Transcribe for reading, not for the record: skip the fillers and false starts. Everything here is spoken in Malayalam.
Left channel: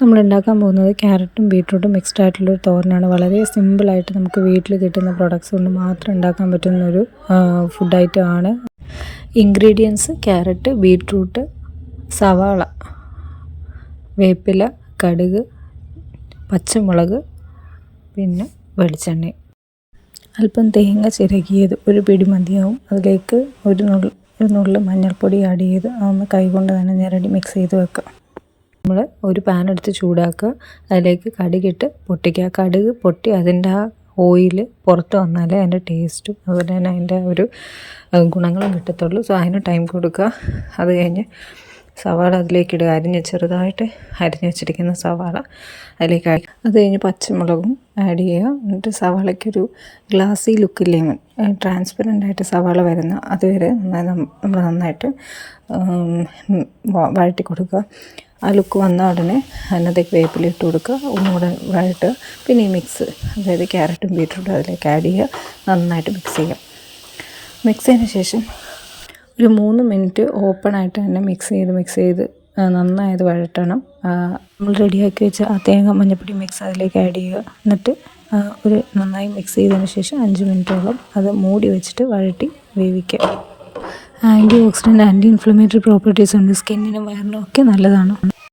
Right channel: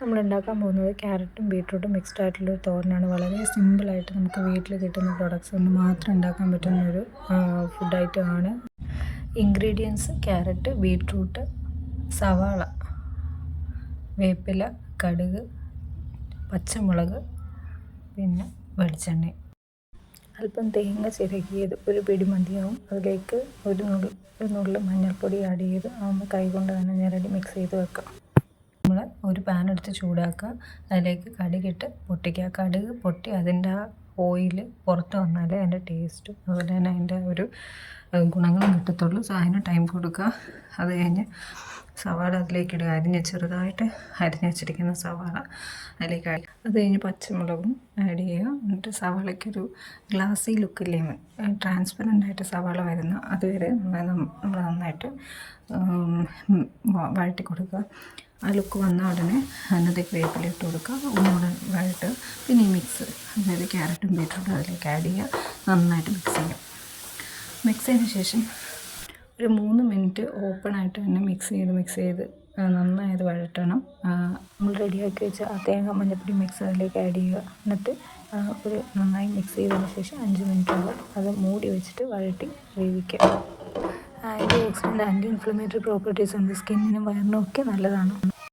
നമ്മൾ ഉണ്ടാക്കാൻ പോകുന്നത് ക്യാരറ്റും ബീട്രൂട്ടും മിക്സ്ഡ് ആയിട്ടുള്ളൊരു തോരനാണ്. വളരെ സിമ്പിളായിട്ട് നമുക്ക് വീട്ടിൽ കിട്ടുന്ന പ്രൊഡക്ട്സ് കൊണ്ട് മാത്രം ഉണ്ടാക്കാൻ പറ്റുന്നൊരു ഫുഡ് ഐറ്റമാണ്. ഇൻഗ്രീഡിയൻസ്: ക്യാരറ്റ്, ബീട്രൂട്ട്, സവാള, വേപ്പില, കടുക്, പച്ചമുളക്, പിന്നെ വെളിച്ചെണ്ണ, അല്പം തേങ്ങ ചിരകിയത് ഒരു പിടി മതിയാവും. അതിലേക്ക് ഒരു നുള്ള് മഞ്ഞൾപ്പൊടി ആഡ് ചെയ്ത് അതൊന്ന് കൈകൊണ്ട് തന്നെ ഞെരടി മിക്സ് ചെയ്ത് വെക്കുക. നമ്മൾ ഒരു പാൻ എടുത്ത് ചൂടാക്കുക. അതിലേക്ക് കടുകിട്ട് പൊട്ടിക്കുക. കടുക് പൊട്ടി അതിൻ്റെ ആ ഓയിൽ പുറത്ത് വന്നാലേ അതിൻ്റെ ടേസ്റ്റും അതുപോലെ തന്നെ അതിൻ്റെ ഒരു ഗുണങ്ങളും കിട്ടത്തുള്ളൂ. സോ അതിന് ടൈം കൊടുക്കുക. അത് കഴിഞ്ഞ് സവാള അതിലേക്ക് ഇടുക. ചെറുതായിട്ട് അരിഞ്ഞ് വെച്ചിരിക്കുന്ന സവാള അതിലേക്ക് അത് കഴിഞ്ഞ് പച്ചമുളകും ആഡ് ചെയ്യുക. എന്നിട്ട് സവാളയ്ക്കൊരു ഗ്ലാസി ലുക്കില്ലേ, ട്രാൻസ്പെറൻ്റായിട്ട് സവാള വരുന്ന അതുവരെ നമ്മൾ നന്നായിട്ട് വഴറ്റി കൊടുക്കുക. ആ ലുക്ക് വന്ന ഉടനെ അതിനകത്തേക്ക് വേപ്പില ഇട്ട് കൊടുക്കുക. ഒന്നുകൂടെ വഴറ്റുക. പിന്നെ ഈ മിക്സ്, അതായത് ക്യാരറ്റും ബീട്രൂട്ടും അതിലേക്ക് ആഡ് ചെയ്യുക. നന്നായിട്ട് മിക്സ് ചെയ്യുക. മിക്സ് ചെയ്തതിന് ശേഷം ഒരു 3 മിനിറ്റ് ഓപ്പണായിട്ട് തന്നെ മിക്സ് ചെയ്ത് നന്നായത് വഴറ്റണം. നമ്മൾ റെഡിയാക്കി വെച്ച ആ തേങ്ങ മഞ്ഞൾപ്പൊടി മിക്സ് അതിലേക്ക് ആഡ് ചെയ്യുക. എന്നിട്ട് ഒരു നന്നായി മിക്സ് ചെയ്തതിന് ശേഷം 5 മിനിറ്റോളം അത് മൂടി വെച്ചിട്ട് വഴറ്റി വേവിക്കുക. Antioxidant, anti inflammatory properties ഉണ്ട്. സ്കിന്നിനും വയറിനും ഒക്കെ നല്ലതാണ്.